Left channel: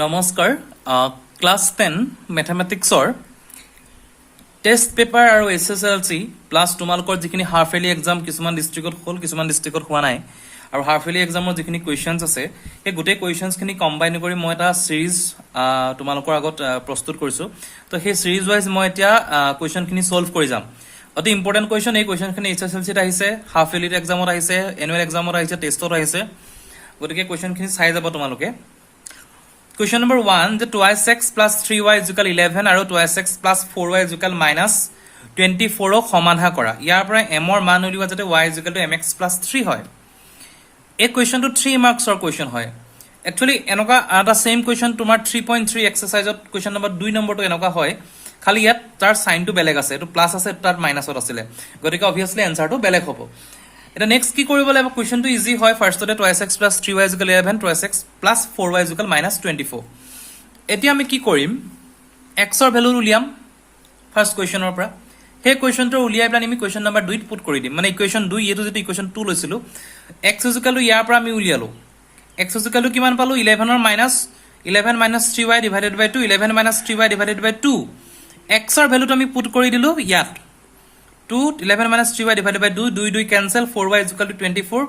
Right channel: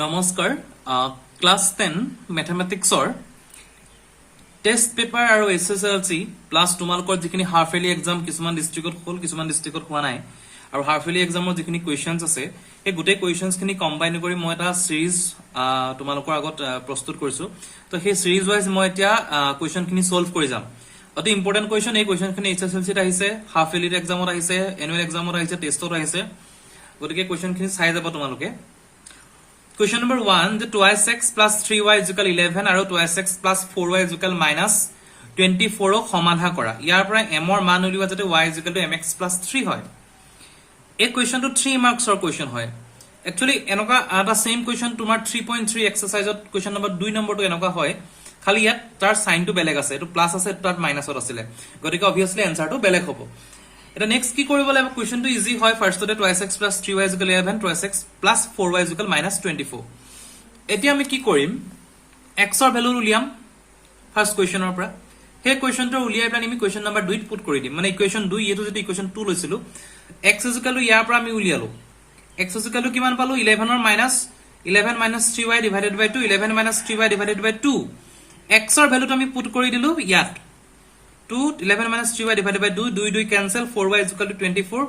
নমস্কাৰ class 10 ম্যাথমেটিক্সৰ test paper আৰু এছএছএলসি plus তোমালোকৰ যিখিনি হাফ ইয়াৰলি এক্সাম কিছুমান ডিস্ট্ৰিক্টত হ'ল কিছুমান ডিস্ট্ৰিক্টত হোৱা নাই আৰু হাফ ইয়াৰলি এক্সামৰ যিখিনি কোৱেশ্চনছ আছে এই গোটেই কোৱেশ্চনছ খিনি কম্বাইন কৰি মই এটা সিৰিজ তোমালোকৰ আগত প্ৰস্তুত কৰিছো তো সেই সিৰিজ ওয়াইজ মই এতিয়া কোৱেশ্চন খিনি সলভ কৰি যাম অতি ইম্পৰ্টেন্ট কোৱেশ্চন এই কোৱেশ্চন খিনি এছএছএলসিত আহিছে হাফ ইয়াৰলি এক্সামত আহিছে এনুৱেল এক্সামত আহিছে টেষ্টত আহিছে গতিকে কোৱেশ্চন খিনি চাই যাব তোমালোকে Question number 1, the 2x plus 3y is equal 11 and 2x plus 4y is equal minus 24 সমাধা কৰা ইয়াৰ পৰা m ৰ মান উলিওৱা যাতে y is equal to mx plus 3 হয় এই question to 3 marks or question হয় actually এনেকুৱা এটা same question তোমাৰ 3.3 exercise to question number 2 number to এনেকুৱা হয় খালি ইয়াত তাৰ সাইন টো বেলেগ আছে এটো প্লাস আছে তাৰ মাইনাসত আছিলে গতিকে obviously answer টো বেলেগ হ'ব এটা নেক্সট কি কৰিব লাগিব কোৱেশ্চন টো ইজি হয় ফাৰ্ষ্টতে 2x plus 3y is equal 11 2x plus 4y is equal minus 24 এতিয়া আমি কি কৰিম x ৰ ভ্যালু উলিয়াম ফাৰ্স্ট কোৱেশ্চনৰ পৰা হে কোৱেশ্চন টো উলিয়াই প্লান আমি কোৱেশ্চন নম্বৰ 2 পুট কৰি দিম মানে ইকুৱেশ্চন 2 এটো যেটো ইকুৱেশ্চন 2 লৈছিলো x is equal to ইয়াৰ পৰা আমি উলিয়ালো x is equal to কিমান পালো 11 ৰ minus 11 minus 3y divided by 2 11 minus 3y divided by 2 x ৰ ভ্যালুটো আমি পুট কৰি দিলো ইয়াত 2 11 minus 3y divided by 2 2 2 cancel 4y is equal to 24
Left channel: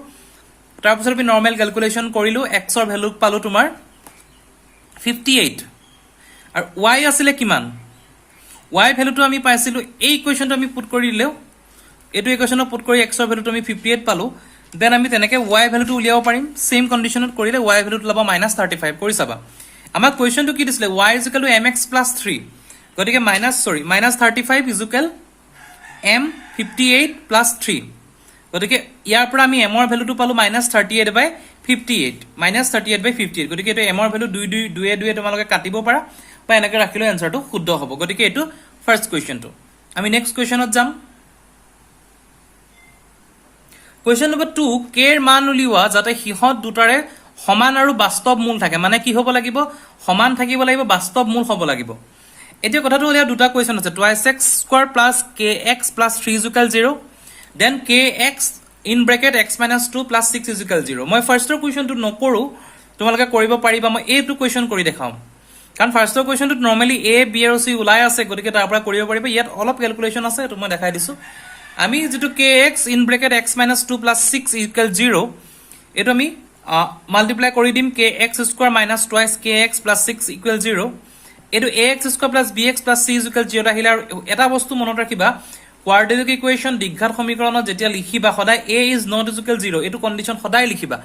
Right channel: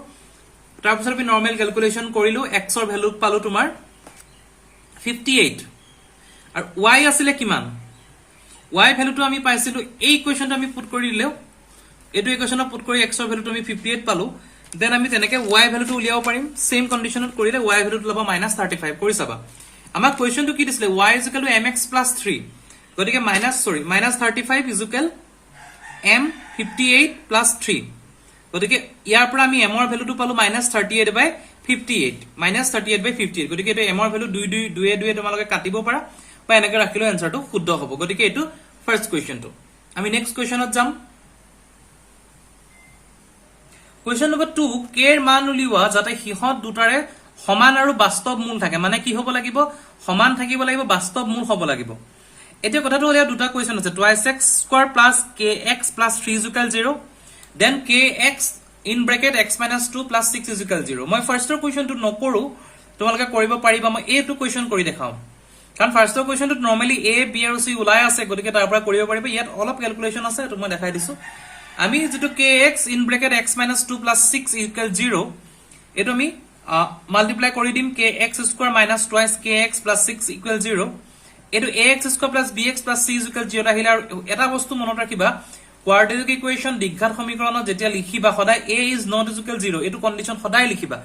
তাৰ পিছত আমি নৰমাল ক্যালকুলেশন কৰিলো x ৰ ভ্যালু পালো তোমাৰ 58 আৰু y আছিল কিমান y ভ্যালুটো আমি পাইছিলো এই ইকুৱেশনটো আমি পুট কৰি দিলেও এটো ইকুৱেশনত পুট কৰি x ৰ ভ্যালুটো আমি 58 পালো দেন আমি তেনেকে y ভ্যালুটো উলিয়াব পাৰিম সেম কন্ডিশনত কৰিলে y ভ্যালুটো লবা -35 কৰি চাবা আমাৰ কোৱেশ্চনটো কি দিছিলে y is equal to mx plus 3 গতিকে -35 is equal m 58 plus 3 গতিকে ইয়াৰ পৰা আমি m ৰ ভ্যালুটো পালো -38 by 58 -38 by 58 গতিকে এটো m ৰ ভ্যালু 2 2 2 2 তোমালোকে কাটিব পাৰা বা এনেকৈ ৰাখিলে আনসাৰটো শুদ্ধ হ'ব গতিকে এটো ফাৰ্স্ট কোৱেশ্চনটো আমি নেক্সট কোৱেশ্চনত যাম কোৱেশ্চন নম্বৰ 2 k ৰ মান উলিওৱা যাতে হিহত দুটাৰে সমান আৰু বাস্তৱ মূল থাকে মানে কি হ'ব লাগিব সমান থাকিব লাগিব বাস্তৱ মূল হ'ব লাগিব এতিয়া কথাটো হলিয়া দুটা কোৱেশ্চন আছে 2x square plus kx plus 3 is equal 0 then kx in bracket x minus 2 plus 6 is equal 0 মই ফাৰ্স্টৰ কোৱেশ্চনটো নকৰো তোমালোকে কৰিব পাৰিবা মই এটো কোৱেশ্চন কৰি দেখাও কাৰণ ফাৰ্স্টৰ কোৱেশ্চনটো নৰমালি a b আৰু c ওলাই আছে গতিকে তাৰ পৰা কৰিব পাৰিবা ইয়াত অলপ ক্যালকুলেশন আছে তো মই দেখাই দিছো আমি যেটো kx in bracket x minus 2 plus 6 is equal 0 এটো আমি মাল্টিপ্লাই কৰি দিম kx square minus twice kx plus 6 equal 0 এটো ax square plus bx plus c is equal 0 আহিলে আৰু এটা বস্তু মনত ৰাখিবা কোৱাড্ৰেটিক ইকুৱেশন দ্বিঘাত সমীকৰণত যেতিয়া লিখিবা সদায় a is not equal 0 এটো কন্ডিশন সদায় লিখিবা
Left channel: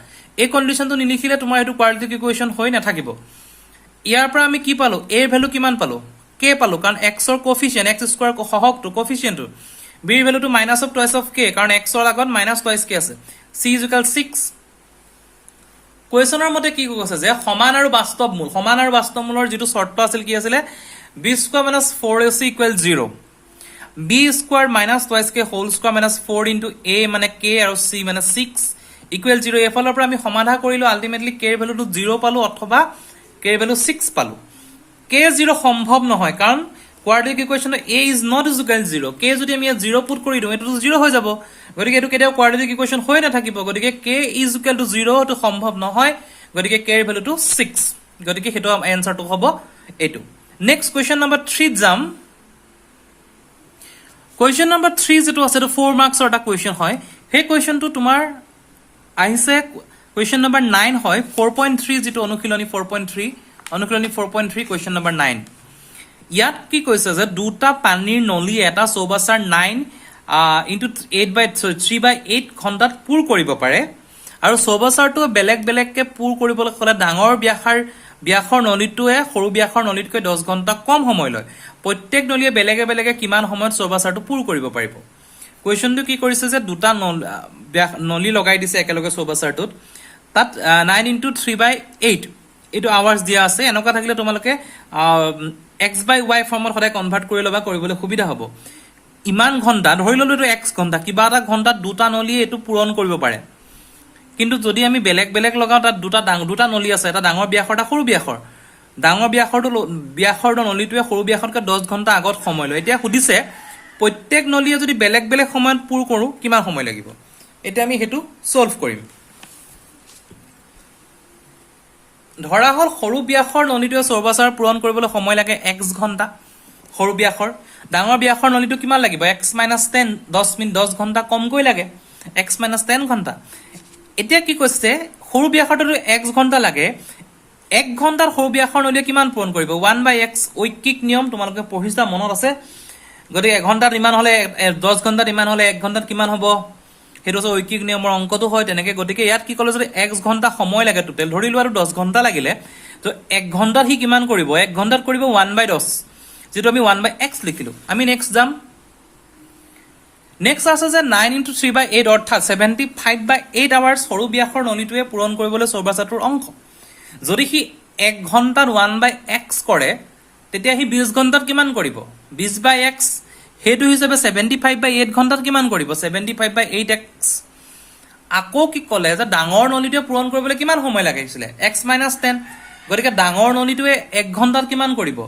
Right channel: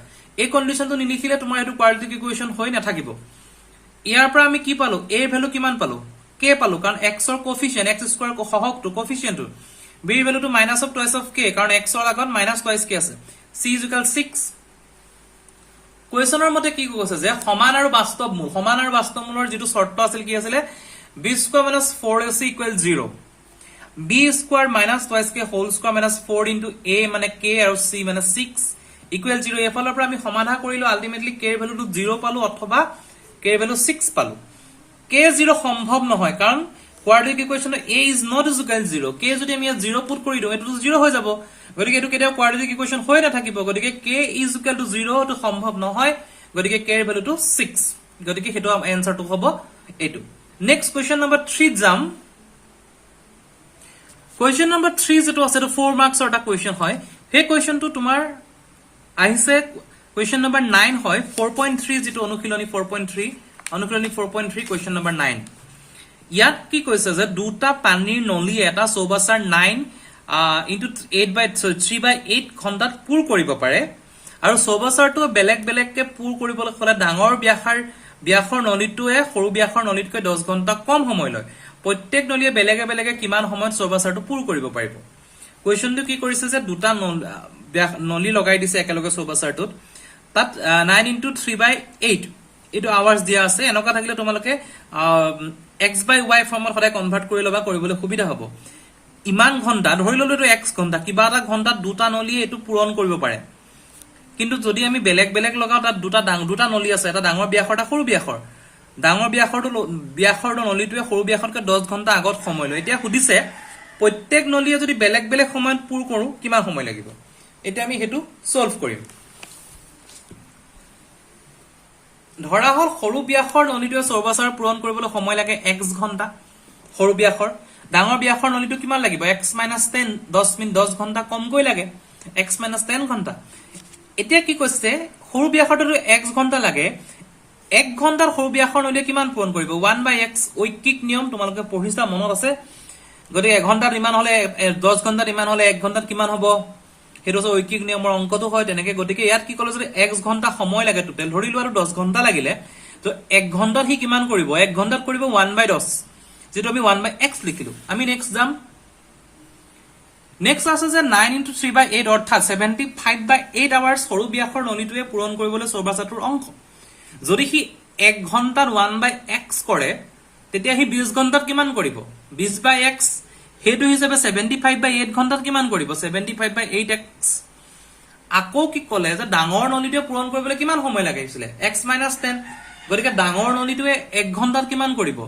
এই কন্ডিশনটো নিলিখিলে তোমাৰ এটো কোৱাড্ৰেটিক ইকুৱেশন হৈ নাথাকিব ইয়াৰ পৰা আমি কি পালো a ভ্যালু কিমান পালো k পালো কাৰণ x ৰ কোএফিচিয়েন্ট x স্কয়াৰ সহগটো কোএফিচিয়েন্টটো b ৰ ভ্যালুটো minus of twice of k কাৰণ x ৰ আগত minus twice k আছে c is equal 6 কোৱেশ্চনৰ মতে কি কৈছে যে সমান আৰু বাস্তৱ মূলৰ যেটো শৰ্ত আছিল কি আছিল b square minus 4ac equal 0 b square minus twice k whole square minus 4 into a মানে k আৰু c মানে 6 equal 0 এফালৰ পৰা আমি সমাধা কৰিলো আলটিমেটলি k ৰ ভ্যালুটো 0 পালো অথবা k ৰ ভ্যালু 6 পালো k 0 সম্ভৱ নহয় কাৰণ quadratic ইকুৱেশন a is not equal 0 k যদি আমি 0 পুট কৰি দিও এটো 0 হৈ যাব গতিকে এটো কেতিয়াও কোৱাড্ৰেটিক ইকুৱেশন হৈ নাথাকিব গতিকে k is equal to 0 টো সম্ভৱ নহয় গতিকে k ৰ ভ্যালুটো 6 গতিকে হেটো আনসাৰটো হ'ব এটো নেক্সট কোৱেশ্চন নম্বৰ 3 যাম কোৱেশ্চন নম্বৰ 3 যেটো আছে এটো 4 মাৰ্কছৰ এটা কোৱেশ্চন হয় হে কোৱেশ্চনটো তোমাৰ আহিছে কোৱেশ্চন নম্বৰ 9 হয় 4.3 যেটো অনুশীলনী 4.3 কোৱেশ্চন নম্বৰ 9 ইয়াত কি কৈছে যে দুটা পানীৰ নলী এটা চৌবাচাৰ 9 into 3/8 ঘণ্টাত পুৰ কৰিব পাৰে আৰু চৌবাচাৰটো বেলেগ বেলেগকে পুৰ কৰিবলৈ হলে ডাঙৰ ব্যাসৰ নলীটোৱে সৰু ব্যাসৰ নলীতকৈ 10 ঘণ্টা কম সময় লয় প্ৰত্যেক নলীয়ে বেলেগে বেলেগে কিমান সময়ত চৌবাচাৰটো পুৰ কৰিব পাৰিব কোৱেশ্চনটো কি কৰিছে যে দুটা নলী লগাই দিছে একেলগে চৌবাচাৰটোত তাত 9 into 3/8 এটো আৱাৰ্স দিয়া আছে এনেকা থাকিলে তোমালোকে x by y ফৰ্মত সদায় কনভাৰ্ট কৰি লবা কৰিবলৈ সুবিধা হ'ব ইমান ঘণ্টা ধৰি ললো এটো x ঘণ্টা কিবা এটা ঘণ্টাত দুটা নলী এটো পূৰণ কৰিব পাৰে কিন্তু যদি আমি বেলেগ বেলেগ লগাও তাত দুটা নলী আছে এটা ডাঙৰ ব্যাসৰ এটা সৰু ব্যাসৰ ব্যাসৰ নলীটোৱে সৰু ব্যাসতকৈ 10 ঘণ্টা আগত সময় লয় এতিয়া সুধিছে প্ৰত্যেক নলীয়ে যদি বেলেগ বেলেগ সময়ত পুৰ কৰো কিমান সময় লাগিব এতিয়া আমি হেতু সলভ কৰিম ধৰা হল সৰু ব্যাসৰ নলীটোৱে চৌবাচাৰ পূৰণ কৰিবলৈ সময় লাগে x ঘণ্টা সৰু ব্যাসৰ ডাঙৰ ব্যাসৰ নলীটো কিমান লাগিব x - 10 10 ঘণ্টা কমকৈ লাগে x - 10 ঘণ্টা এতিয়া কি কৈছে সৰু ব্যাসৰটো x ঘণ্টা লাগে 1 ঘণ্টাৰ সৰু ব্যাসৰ নলীয়ে কিমান পূৰণ কৰিব 1/x ঐকিক নিয়ম তোমালোকে পঢ়িছা মনত আছে গতিকে 1 ঘণ্টাত ইমান হলে 10 ঘণ্টাত ইমান হলে 1 ঘণ্টাত কিমান হ'ব হেতু সো ঐকিক নিয়মৰ অংকটো হয় তেনেকে গতিকে ইয়াত কি কলে যদি x ঘণ্টা সময় লাগে টোটাল ধৰিলো আৰু 10 ঘণ্টা লাগিলে তো 1 ঘণ্টাত হি কিমান কৰিব 1 ঘণ্টাত কৰিব 1/10 যেটো আমি 1/x লিখিলো আমি নেক্সট যাম নেক্সট আছে যে 9 * 3/8 অৰ্থাৎ 75/8 আৱাৰ্স সৰু ব্যাসৰ নলীটোৱে পূৰণ কৰিবলৈ চৌবাচাটোৰ অংক যদি হি 1 ঘণ্টাত 1/x কৰে তেতিয়া হি 20 ঘণ্টাত কিমান কৰিব 20/x হেতু হিচাপে 75/8 ঘণ্টাত কিমান কৰিব 75/8x আকৌ কি কলে যে ডাঙৰ নলীটোৱে পূৰণ কৰিবলৈ কিমান সময় লাগিছিল x - 10 গতিকে ডাঙৰ নলীটোৱে 1 ঘণ্টাত কিমান কৰিব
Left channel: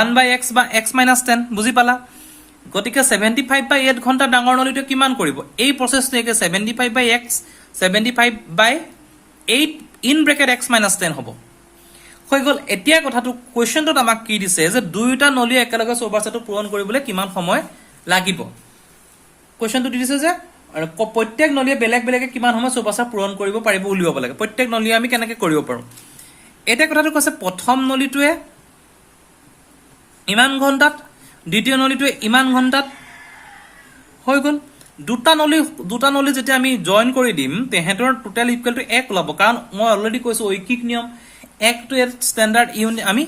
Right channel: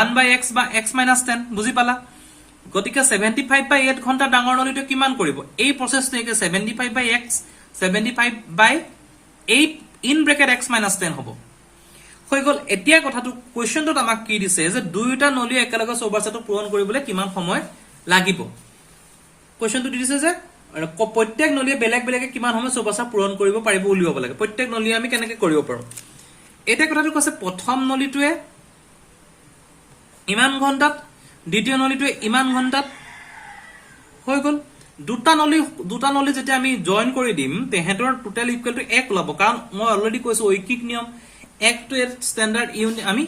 1/x বা x - 10 বুজি পালা গতিকে 75/8 ঘণ্টা ডাঙৰ নলীটোৱে কিমান কৰিব এই প্ৰচেছটোকে 75/x 75/8 ইন ব্ৰেকেট x - 10 হ'ব হৈ গল এতিয়া কথাটো কোৱেশ্চনটোত আমাক কি দিছে যে দুইটা নলী একেলগে চৌবাচাটো পূৰণ কৰিবলৈ কিমান সময় লাগিব কোৱেশ্চনটো দিছে যে প্ৰত্যেক নলীয়ে বেলেগ বেলেগে কিমান সময় চৌবাচা পূৰণ কৰিব পাৰিব উলিয়াব লাগে প্ৰত্যেক নলীয়ে আমি কেনেকৈ কৰিব পাৰো এতিয়া কথাটো কৈছে প্ৰথম নলীটোৱে ইমান ঘণ্টাত দ্বিতীয় নলীটোৱে ইমান ঘণ্টাত হৈ গল দুটা নলী যেতিয়া আমি জয়েন কৰি দিম তেহেতৰ টোটাল ইকুৱেল টু 1 ওলাব কাৰণ মই অলৰেডি কৈছো ঐকিক নিয়ম 1 to 8 স্ট্যান্ডাৰ্ড ইউনিট আমি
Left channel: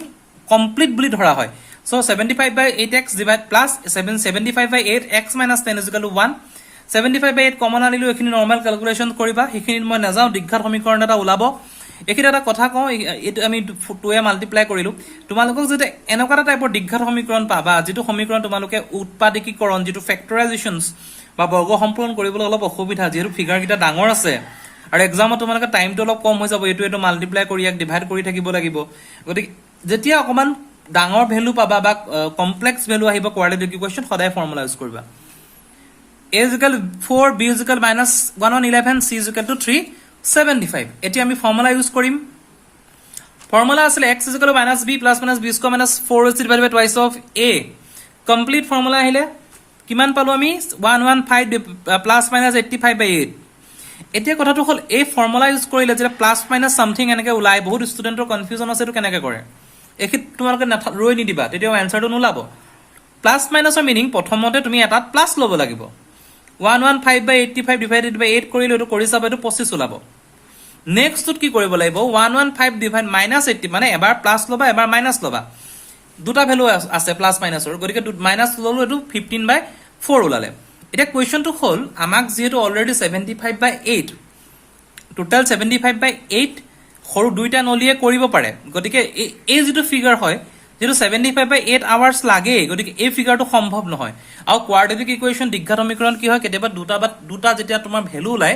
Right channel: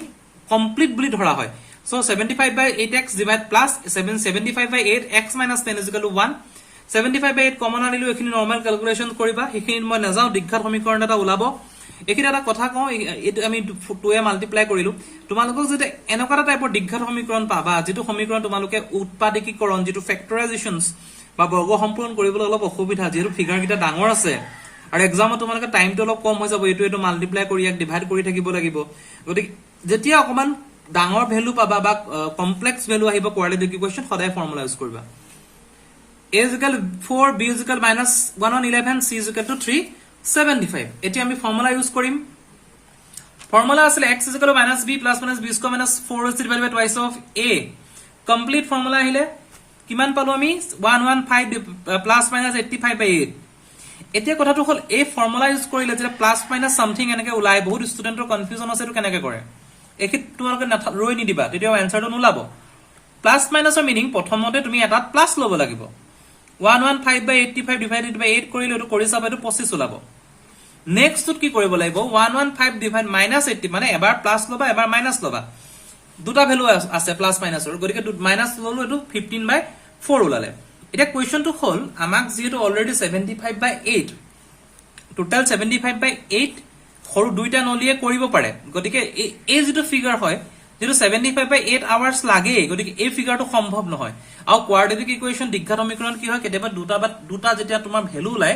কমপ্লিট বুলি ধৰা হয় so 75/8x divide plus 75/8 x - 10 = 1 75/8 common আনিলো এখিনি নরমাল ক্যালকুলেশন কৰিবা এখিনি মই নাযাও দীঘঘাত সমীকৰণ এটা ওলাব এখিনি এটা কথা কওঁ এটো আমি 2 এ মাল্টিপ্লাই কৰিলো তোমালোকক যদি এনেকুৱা টাইপৰ দীঘঘাত সমীকৰণ পাবা যেটো সমীকৰণ তোমালোকে উৎপাদকীকৰণ যেটো ফ্যাক্টৰাইজেশনস বা বৰ্গ সম্পূৰণ কৰিবলৈ অলপ অসুবিধা যেটো ফিগাৰ কিটা ডাঙৰ আছে আৰু এক্সামত তোমালোকে টাইমটো অলপ কম হৈ যাব এটো মাল্টিপ্লাই কৰি এক ডিভাইড কৰি থাকিব লাগিব গতিকে যেতিয়া অকমান ডাঙৰ ভ্যালু পাবা বা কমপ্লেক্স ভ্যালু আহিব কোৱাড্ৰেটিক ইকুৱেচন সদায় ফৰ্মুলা ইউজ কৰিবা a = 4 b = -111 c = 375 এতিয়া আমি ফৰ্মুলা ইউজ কৰিম ফৰ্মুলা আছিল x = -b + -b² - 4 / twice of a complete formula আহিলে কিমান পালো আমি 115 + -85/8 এতিয়া কথাটো হল এই ফৰ্মুলা ইউজ কৰিলে যে প্লাস মাইনাস সামথিং এনেকে উলাই বহুত ষ্টুডেন্টৰ কনফিউজন আছে তো কেনেকে কৰে এখিত তোমালোকে ৰৈ নি দিবা তেতিয়া আনসাৰটো নোলাব প্লাস মাইনাসৰ মিনিং প্ৰথমতে তুমি এটা প্লাস লব লাগিব 115/85 ডিভাইডেড বাই 8 কৰিলে এটো কৰি চাবা এটো 25 ওলাব নেক্সটত কি কৰিব লাগিব 115 ডিভাইড -80 মানে এবাৰ প্লাস লবা এবাৰ মাইনাস লবা দুটা ভ্যালু আছে প্লাস মাইনাসৰ গতিকে মাইনাস ললো এটো 15/4 ওলালে এটা কোৱেশ্চনটো হল আমাক যেটো অলৰেডি 75/8 টোটাল 75/8 সৰু দুইটা নলীয়ে কৰিব পাৰে গতিকে এই যেটো ফিগাৰ হয় যেটো 75/8 আৱাৰ্স লাগে গতিকে এই ফিগাৰটো সম্ভৱ নহয় আৰু কোৱাড্ৰেটিক ইকুৱেচন দীঘঘাত সমীকৰণ কি হয় কেতিয়াবা দুটা যেতিয়া তোমাৰ ভ্যালু ওলাই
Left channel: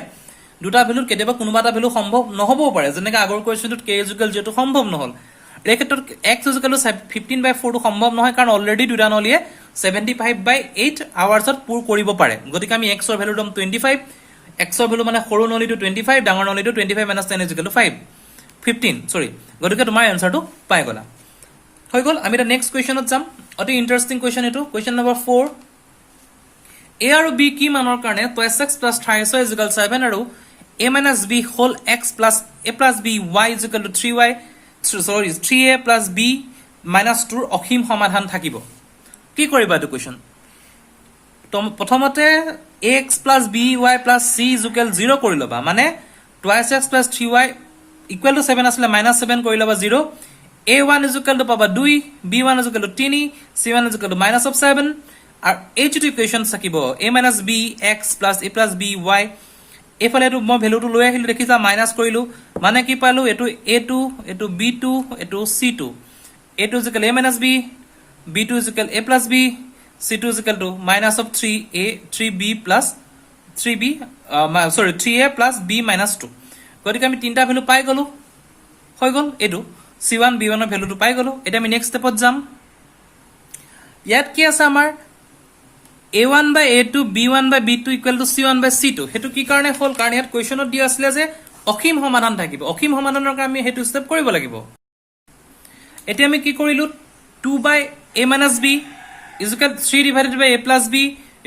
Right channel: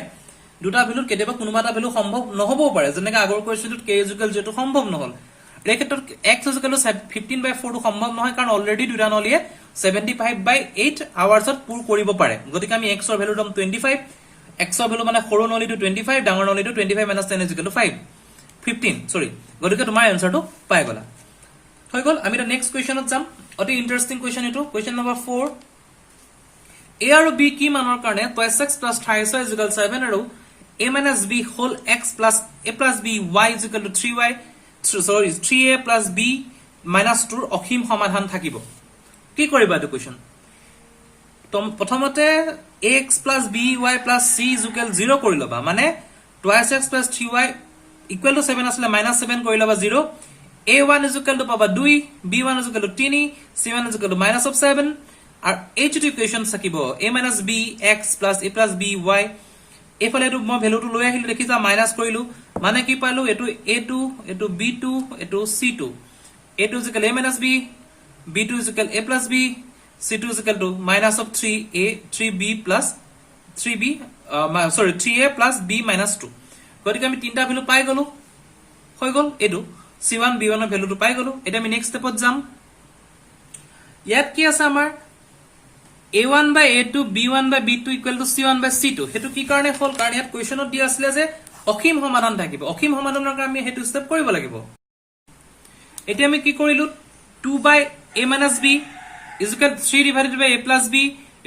দুটা ভ্যালুৰ কেতিয়াবা কোনোবা এটা ভ্যালু সম্ভৱ নহবও পাৰে যেনেকৈ আগৰ কোৱেশ্চনটোত k = যেটো সম্ভৱ নহল এই ক্ষেত্ৰত x = 15/4 টো সম্ভৱ নহয় কাৰণ অলৰেডি দুটা নলীয়ে 75/8 আৱাৰ্সত পুৰ কৰিব পাৰে গতিকে আমি x ৰ ভ্যালু দম 25 x ৰ ভ্যালু মানে সৰু নলীটো 25 ডাঙৰ নলীটো 25 - 10 = 5 15 সৰি গতিকে তোমাৰ আনসাৰটো পাই গলা হৈ গল আমি এটা নেক্সট কোৱেশ্চনত যাম অতি ইন্টাৰেষ্টিং কোৱেশ্চন এটো কোৱেশ্চন নম্বৰ 4 a আৰু b কি মানৰ কাৰণে 2x + 3y = 7 আৰু a - b whole x + a + b y = 3y 3a + b - 2 অসীম সমাধান থাকিব কি কৰিবা এটো কোৱেশ্চন প্ৰথমতে ax + by + c = 0 কৰি লবা মানে 2x + 3y = 7 আসলে -7 কৰি লবা 0 a1 = পাবা 2 b1 = 3 c1 = -7 আৰু এই যেটো ইকুৱেচন থাকিব a - b x + a + b y এফালে এটো মই ভ্যালুটো লৈ আহিলো দেখিছা মাইনাস কৰিলো মানে কি পালো এটো a2 এটো b2 এটো c2 a2 = a - b b2 = a + b c2 = -3a 3b + 3b 3a + b - 2 গতিকে আমি তিনটা ভ্যালু পাই গলো হৈ গল এটো c1 b1 ৰ ভ্যালুটো পাই গলো এটা আমি নেক্সট স্টেপত যাম ইয়াত কি আছে আমাৰ a1/a2 b1/b2 = c1/c2 হেতু কি কাৰণে হল কাৰণ ইয়াত কোৱেশ্চনত দিয়া আছিল যে অসীম সমাধান থাকিব অসীম সমাধানৰ কাৰণে আমি হেতু স্টেপ কৰিব লাগিব এতিয়া আমি কি কৰিলো 2 by a minus b is equal 3 divided by a plus b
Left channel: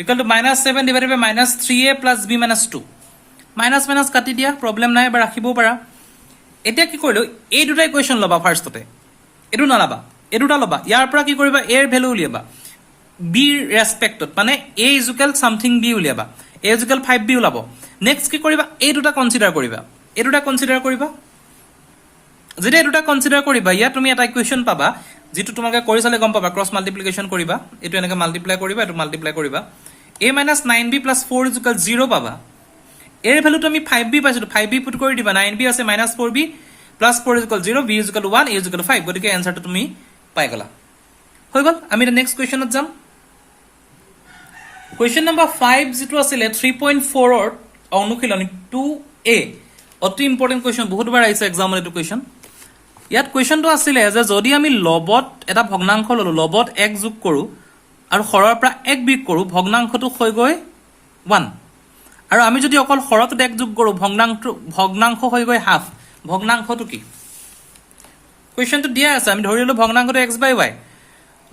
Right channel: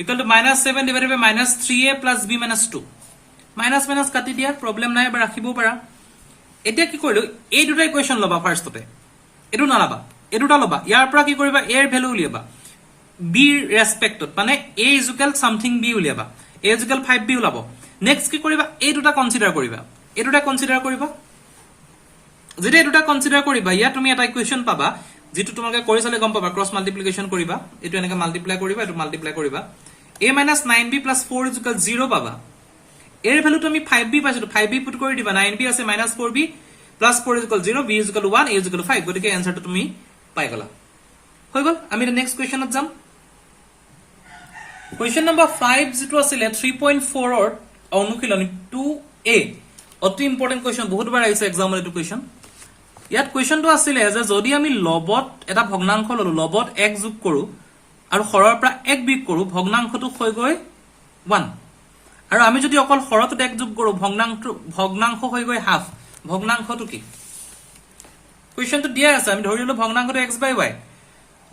equal to minus 7 divided by minus 3a plus b minus 2 minus minus কাটি দিয়া প্ৰবলেম নাই বা ৰাখিব পাৰা এতিয়া কি কৰিলো এই দুটা ইকুৱেচন লবা ফাৰ্ষ্টতে এটো নালাবা এটোটা লবা ইয়াৰ পৰা কি কৰিবা a এৰ ভ্যালু উলিয়াবা b ৰেসপেক্টত মানে a is equal something b উলিয়াবা a is equal 5b উলাব নেক্সট কি কৰিবা এই দুটা কনসিডাৰ কৰিবা এই দুটা কনসিডাৰ কৰিবা যেতিয়া এই দুটা কনসিডাৰ কৰিবা ইয়া তুমি এটা ইকুৱেচন পাবা যেটো তোমাকে কৰি চালে গম পাবা ক্ৰস মাল্টিপ্লিকেশন কৰিবা এটো এনেকে মাল্টিপ্লাই কৰিবা এটো মাল্টিপ্লাই কৰিবা a - 9b + 4 = 0 পাবা এৰ ভ্যালু তুমি 5b পাইছো 5b পুট কৰি দিবা 9b আছে -4b + 4 = 0 b = 1 a = 5 গতিকে আনসারটো তুমি পাই গলা হৈ গল আমি নেক্সট কোৱেচনত যাম কোৱেচন নম্বৰ 5 যেটো আছিল 3.4 ৰ অনুশীলনী 2a অতি ইম্পৰ্টেন্ট কোৱেচন বহুত বাৰ আহিছে এক্সামত এটো কোৱেচন ইয়াত কোৱেচনটো আছিল যে যদি আমি লবত এটা ভগ্নাংশ ললো লবত 1 যোগ কৰো আৰু হৰৰ পৰা 1 বিয়োগ কৰো ভগ্নাংশটো হৈ গৈ 1 আৰু আমি যদি অকল হৰত 1 যোগ কৰো ভগ্নাংশ হৈ গৈ হাফ ভগ্নাংশটো কি কোৱেচনটো দিয়া আছে আমি ধৰিলো ভগ্নাংশটো x/y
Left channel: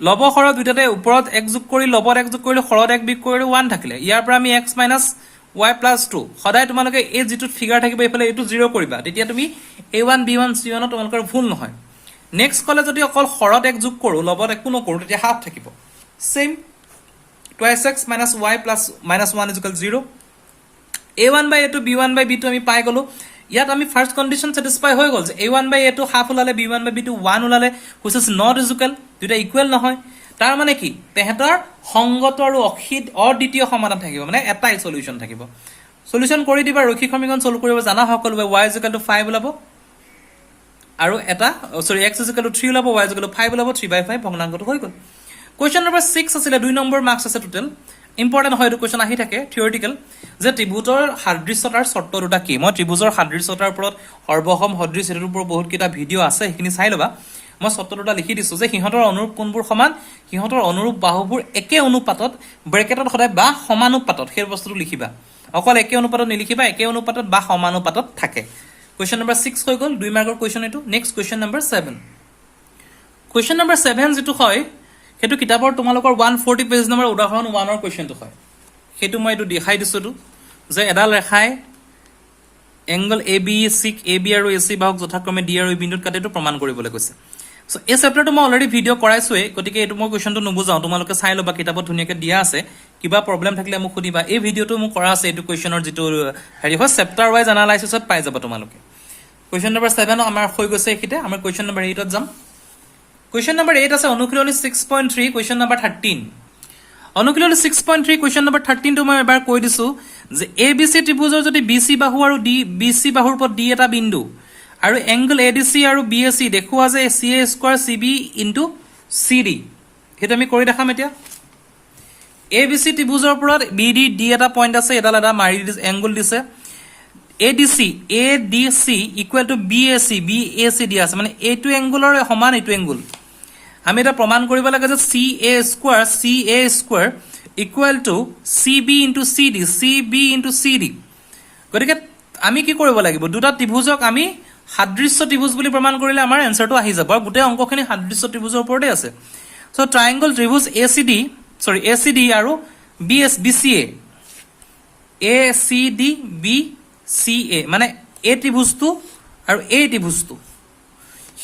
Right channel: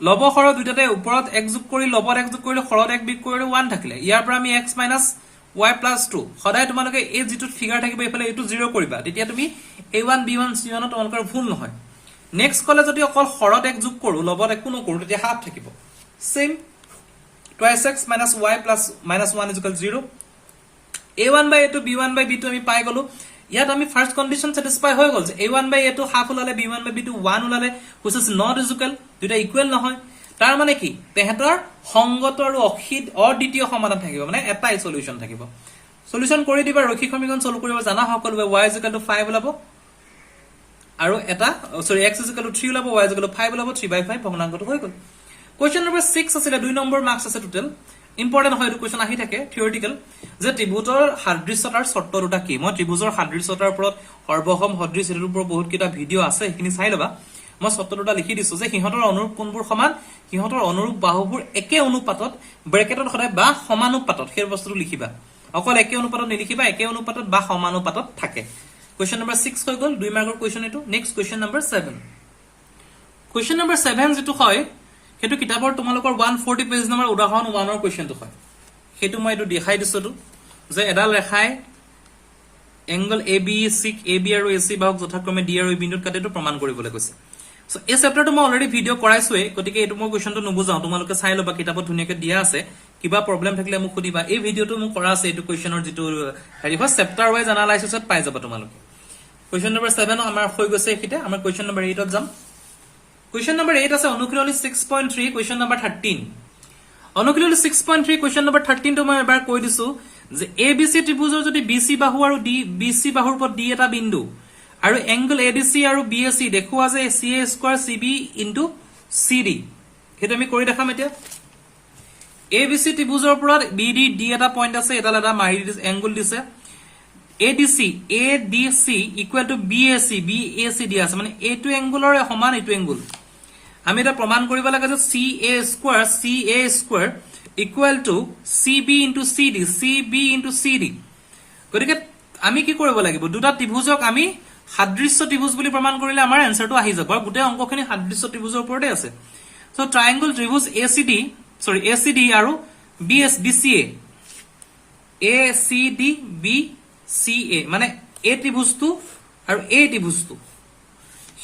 লব হৰ দুটাতে ওপৰত 1 যোগ কৰি লবত 1 যোগ কৰিলে হৰত 1 বিয়োগ কৰিলে 1 থাকিলে ইয়াৰ পৰা আমি x - y + 2 সদায় তোমালোকে এই যেটো ফিগাৰ থাকিব এফালে এটো 0 কৰিবা তেতিয়া তুমি a1 b1 c1 তোমালোকৰ ভুল নহয় নেক্সট কলে যদি অকল হৰত 1 যোগ কৰো লবত একো নকৰো তেতিয়া হাফ থাকিব same 2x - y + -1 = 0 a1/a2 b1/b2 আমি পাই গলো ইয়াত আমি ফার্স্ট কন্ডিশন স্যাটিসফাই হৈ গল যে a1/a2 হাফ ওলালে b1/b2 1 ওলালে which is not equal দুটা ইকুয়াল নহয় তাৰ মানে কি তেহেতৰ সংগত আৰু অদ্বিতীয় সমাধান থাকিব মানে এটাই সলিউশন থাকিব সলিউশন কৰি দিবা ৰৈখিক সমীকৰণ সলভ কৰিব জানা সকলোৱে y = 5 ওলাব আৰু এটা সৰি x = 3 ওলাব y = 5 ওলাব 3/5 ভগ্নাংশটো হৈ গল কোৱেচন নম্বৰ 6 আছিল 2 নম্বৰ মাৰ্কস আছে টোটাল ইম্পৰ্টেন্ট হয় কোৱেচন আহি থাকে থিওৰিটিক্যাল যে ত্ৰিভুজৰ সাদৃশ্যতাৰ শৰ্ত দুটা কি মই ত্ৰিভুজৰ সাদৃশ্যতাৰ ওপৰত সৰ্বসম সদৃশ এৰ ওপৰত বহুত কিটা ভিডিও আছে সেইখিনি চাই লবা মই শৰ্ত দুটা লিখি দিছো যে সিহঁতৰ অনুৰূপ কোনবোৰ সমান সিহঁতৰ অনুৰূপ বাহুবোৰ একে অনুপাতত ব্ৰেকেটত সদায় বা সমানুপাতত সেই বস্তুটো লিখিবা অকল একে অনুপাতত নিলিখিবা একে অনুপাতত বা সমানুপাতত থাকে কোৱেচন নম্বৰ 6 হৈ গল 2 মাৰ্কৰ কোৱেচন এটো next question number 7 question number 7 যেটো হয় হেতু কিতাপৰ তোমালোকৰ 140 পেজ নম্বৰ উদাহৰণ 1 ৰ কোৱেচনটো হয় হেতু মই এটো দেখাই দিছো যে এডাল ৰেখাই এংগল ABC AB আৰু AC বাহুক যথাক্ৰমে D আৰু E বিন্দুত কাটেটো প্ৰমাণ কৰিবলৈ কৈছে সো এই চেপ্টাৰটো মই অলৰেডি ভিডিও কৰাইছোৱে গতিকে এটো মই কোৱেচনটো নুবুজাও তোমালোকে চাই লবা কিতাপত ধুনিয়াকৈ দিয়া আছে কিবা প্ৰবলেম থাকিলে মোক সুধিবা এই ভিডিওটো মই কৰা আছে এটো কোৱেচনৰ যেটো হেৰি হয় চেপ্টাৰ ওয়াইজ এনালাইসিছত পাই যাব তোমালোকে কোৱেচন নম্বৰ 7 আমাৰ হৈ গৈছে একিতে আমাৰ কোৱেচন নম্বৰ 8 ত যাম কোৱেচন নম্বৰ 8 আছে অনুশীলনী 6.3 কোৱেচন নম্বৰ 13 অনুশীলনী 6.3 কোৱেচন নম্বৰ 13 টো মই এবাৰ কৈ দিছো যে ABC ত্ৰিভুজৰ যদি BC বাহু আৰু BC বাহুৰ ওপৰত D এটা বিন্দু আৰু এংগল ADC আৰু BAC দেখুৱা যে CA² CB * CD হেতু আমি কৰি দেখাম এতিয়া ABC ত্ৰিভুজৰ ওপৰত BD D এটা পইণ্ট আছে এটা মাৰি এংগল দিছে ADC = BAC দিয়া আছে মানে এইটো এংগলৰ সমান এইটো এংগল আমি এটা প্ৰমাণ কৰিব লাগে যে CA² = CB * CD CB * CD গতিকে আমি কি কৰিব লাগিব দুটা ত্ৰিভুজক আমি সাদৃশ্য ত্ৰিভুজ বুলি প্ৰমাণ কৰিলে আমাৰ আনসাৰটো আহি যাব আৰু গোটেই অংকখিনি সাদৃশ্য ত্ৰিভুজৰ ওপৰতে আছে সো ট্ৰায়াঙ্গল ত্ৰিভুজ ACD আৰু BCA BCA মানে এই ত্ৰিভুজটো আৰু এই ত্ৰিভুজটো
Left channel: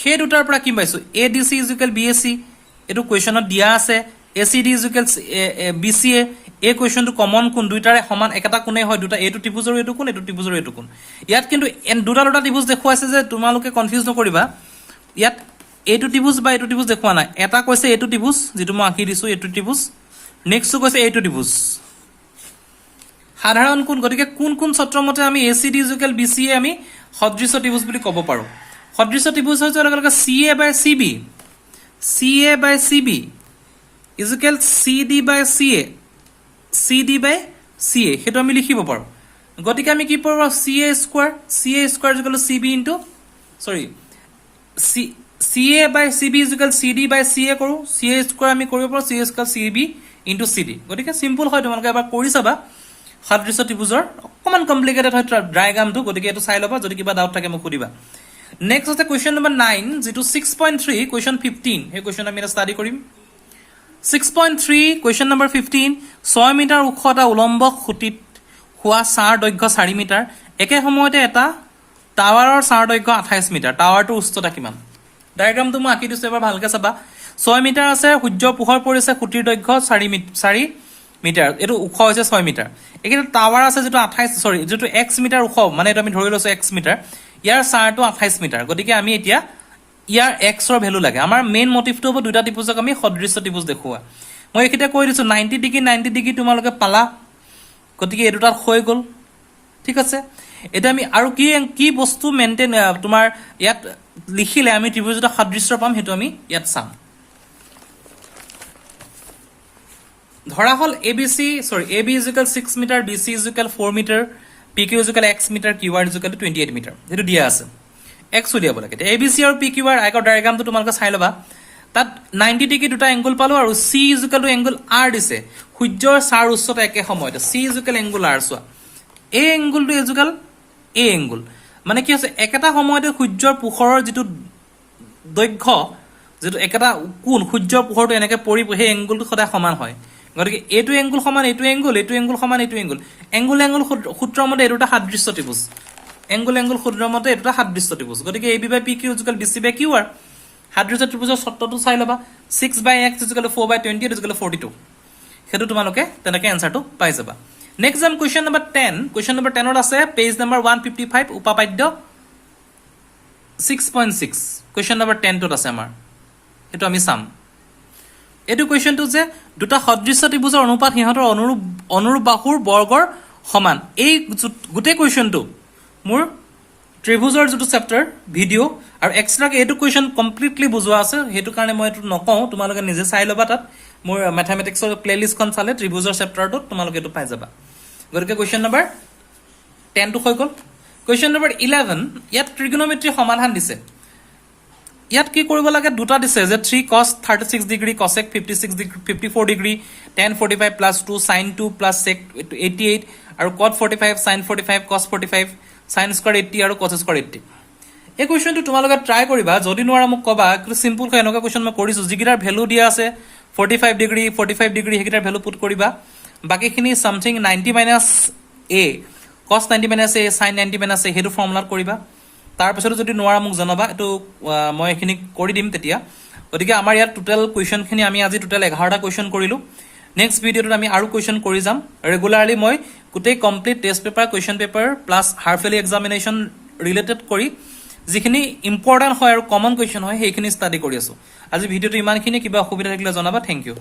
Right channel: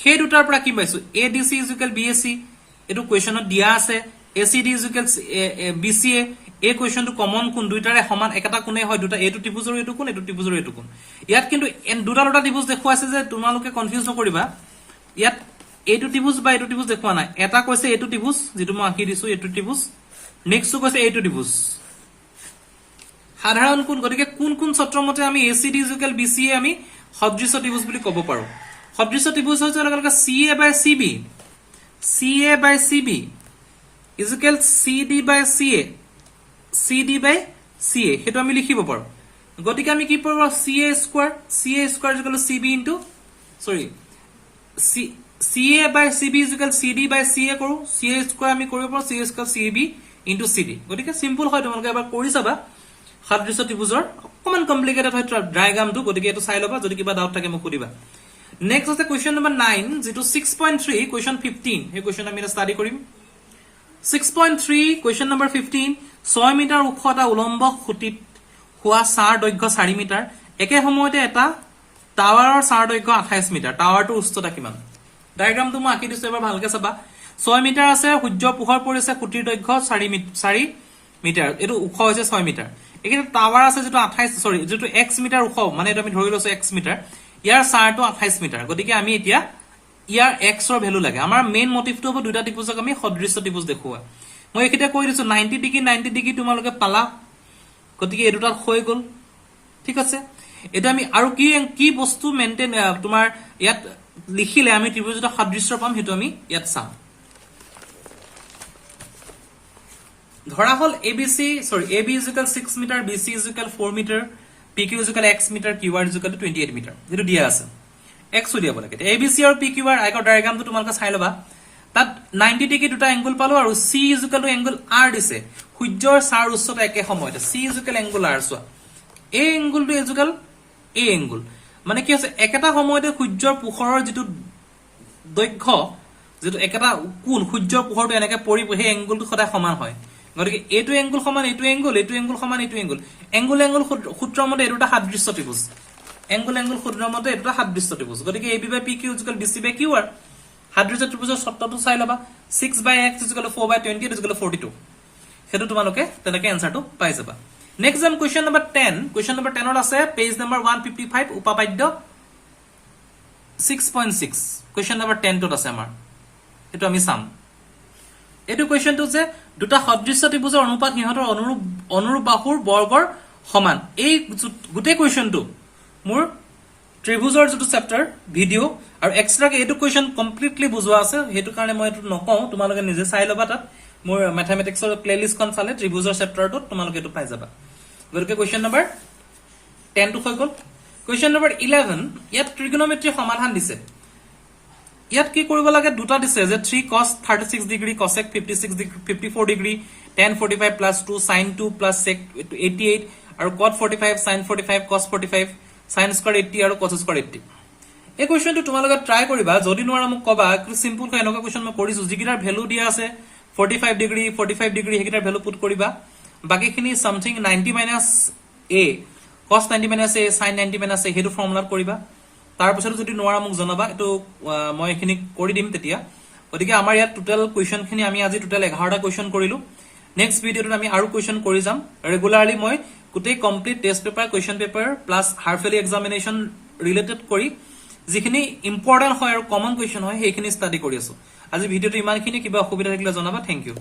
সেই দুটাৰ পৰা কি পাইছো ADC = BAC এটো কোৱেচনত দিয়া আছে ACD = BCA এই কোৱেচনটো কমন কোন দুইটাৰে সমান একটা কোণে হয় দুটা এটো ত্ৰিভুজৰ এটো কোণ এটো ত্ৰিভুজৰ এটো কোণ ইয়াত কিন্তু দুটা ত্ৰিভুজ দেখুৱা আছে যে তোমালোকে কনফিউজ নকৰিবা ইয়াত এটো ত্ৰিভুজ বা এটো ত্ৰিভুজ দেখুৱা নাই এটা কৈছে এটো ত্ৰিভুজ যেটো মই আঁকি দিছো এটো ত্ৰিভুজ নেক্সট কৈছে এটো ত্ৰিভুজ সাধাৰণ কোণ গতিকে কোন সূত্ৰৰ মতে আমি ACD = BCA আমি সদৃশ্য ত্ৰিভুজ বুলি ক'ব পাৰো সদৃশ্য ত্ৰিভুজ হৈছে লগে CA/CB = CD/CA হেতু আমি লিখিব পাৰো গতিকে আমি কি পাৰো CA² = CB CA/CB = CD/CA কৰো CA² আমি কৰিব পাৰো CA² CB * CD গতিকে সিম্পল হয় তোমালোকে এবাৰ কৰি চাবা সাদৃশ্য ত্ৰিভুজৰ অকমান কমপ্লিকেটেড হয় ডায়াগ্ৰামটো গতিকে এটো চাই লবা যদি কিবা ডাউট থাকে মোক সুধিবা নেক্সট আছে কোৱেশ্চন নম্বৰ 9 যেটো 6.3 কোৱেশ্চন 15 এই কোৱেশ্চন আমি ষ্টাডি কৰিম 6.3 কোৱেশ্চন নম্বৰ 15 6 মিটাৰ ওখ এটা উলম্ব খুঁটিত হোৱা চাৰ দৈৰ্ঘ্য 4 মিটাৰ একে সময়তে এটা টাৱাৰৰ চাৰ দৈৰ্ঘ্য 28 মিটাৰ টাৱাৰটোৰ উচ্চতা কিমান ডায়াগ্ৰামটো মই আঁকি দিছো এবাৰ ভালকে চাবা 6 মিটাৰ আছে সূৰ্য পোহৰ পৰিছে খুঁটিৰ দৈৰ্ঘ্য 4 মিটাৰ এটো ওখ হৈছে 6 মিটাৰ একেটা টাৱাৰ আছে যেটো 28 সৰি যেটো x মিটাৰ ওখ মানে এটা আমি ধৰি লৈছো x মিটাৰ ইয়াৰ চাৰটো 28 মিটাৰ গতিকে আমি এতিয়া ইয়াৰ x ৰ ভ্যালু লাগে আমাৰ মেইন মোটিভটো হ'ব দুটা ত্ৰিভুজক আমি সদৃশ্য ত্ৰিভুজ দেখুৱা মই একিটা কৈ দিছো 90 ডিগ্ৰী তোমালোকে পালা গতিকে এই দুটাত হৈ গল ঠিক আছে এটা আমি আৰু কি বস্তু মেইনটেইন তোমাৰ ইয়াত লিখিলে আমি ত্ৰিভুজটা সদৃশ্য পাম হেতু আমি ইয়াত চাম ধৰা হল ABC 6 metre BC 4 metre PQ x metre QR 28 metre যেটো দিয়া আছে x উলিয়াব লাগে ABC আৰু PQR আগৰ ডায়াগ্ৰামটো তোমালোকে চাই লবা তাত 90 ডিগ্ৰী দুটা এংগল পালো আৰু C এংগল R দিছে সূৰ্যৰ চাৰ উচ্চতা একে সময়তে C এংগল R চোৱা এই এংগলটো ইজুকাল এ এংগল মানে কি আছে একেটা সময়তে সূৰ্যৰ পোহৰৰ যেটো দৈৰ্ঘ্য যেটো একেটা কোণ সূৰ্যৰ পোহৰটো এনেকে পৰি সেই এংগলটো সদায় সমান হয় গতিকে এইটো এংগল সমান এইটো এংগল সমান এইটো এংগল সূত্ৰৰ মতে এটা সাদৃশ্য ত্ৰিভুজ এংগল সূত্ৰৰ মতে এটা সাদৃশ্য ত্ৰিভুজ গতিকে AB by PQ BC by QR সাদৃশ্য ত্ৰিভুজৰ শৰ্তটো চাই লবা 6 by x 4 by 28 42 হেতু তোমালোকে তেনেকে এনসাৰটো পাই যাবা next M question number 10 question number 10 ত আছে পেজ নম্বৰ 155 উপাপাদ্য 6.6 কোৱেশ্চন নম্বৰ 10 ত আছে আমাৰ এটো আমি চাম এটো কোৱেশ্চনটো যে দুটা সদৃশ্য ত্ৰিভুজৰ অনুপাত হিহঁতৰ অনুৰূপ বাহুৰ বৰ্গৰ সমান এই গুটে কোৱেশ্চনটো মোৰ ত্ৰিভুজৰ যেটো চেপ্টাৰ ভিডিও আৰু এক্সট্ৰাকে এটো কোৱেশ্চন কমপ্লিটলি বুজোৱা আছে হেতু কাৰণে মই এটো নকওঁ তোমালোকে নিজে চাই লবা তাত মোৰ ম্যাথমেটিক্সৰ প্লেলিষ্টখন চালে ত্ৰিভুজৰ চেপ্টাৰটো তোমালোকে এটো পাই যাবা গতিকে কোৱেশ্চন নম্বৰ 10 টো হৈ গল কোৱেশ্চন নম্বৰ 11 ইয়াত ট্ৰিগোনোমেট্ৰি সমাধান দিছে ইয়াত কি কৰিব লাগে দুটা দিছে যে 3 cos 36 degree cosec 56 degree 54 degree tan 45 plus 2 sin 2 plus sec 88 আৰু cot 45 sin 45 cos 45 sin square 80 আৰু cos square 80 এই কোৱেশ্চনটো তোমালোকে ট্ৰাই কৰিবা যদি নোৱাৰা মোক কবা সিম্পল কৈ এনেকা কোৱেশ্চন মই কৰিছো যিকিটাৰ ভ্যালু দিয়া আছে 45 ডিগ্ৰী হেকিটাৰ ভ্যালু পুট কৰিবা বাকিখিনি something 90 minus a cos 90 minus a sin 90 minus a হেতু ফৰ্মুলাত কৰিবা তাৰ পিছত যদি নোৱাৰা মোক জনাবা এটো মই এখিনি কৰি দিম তেতিয়া গতিকে আমাৰ ইয়াত টোটাল কোৱেশ্চন খিনি আমি আজি টোটাল 11টা কোৱেশ্চন কৰিলো নেক্সট ভিডিওত আমি আৰু কোৱেশ্চন কৰি যাম ৰেগুলাৰলি মই গোটেই complete test paper question paper plus half yearly examination related কৰি যিখিনি ইম্পৰ্টেন্ট হয় আৰু কমন কোৱেশ্চন হয় সেইখিনি ষ্টাডি কৰি আছো আজি ভিডিওটো ইমানখিনি কিবা অসুবিধা থাকিলে জনাবা থ্যাংক ইউ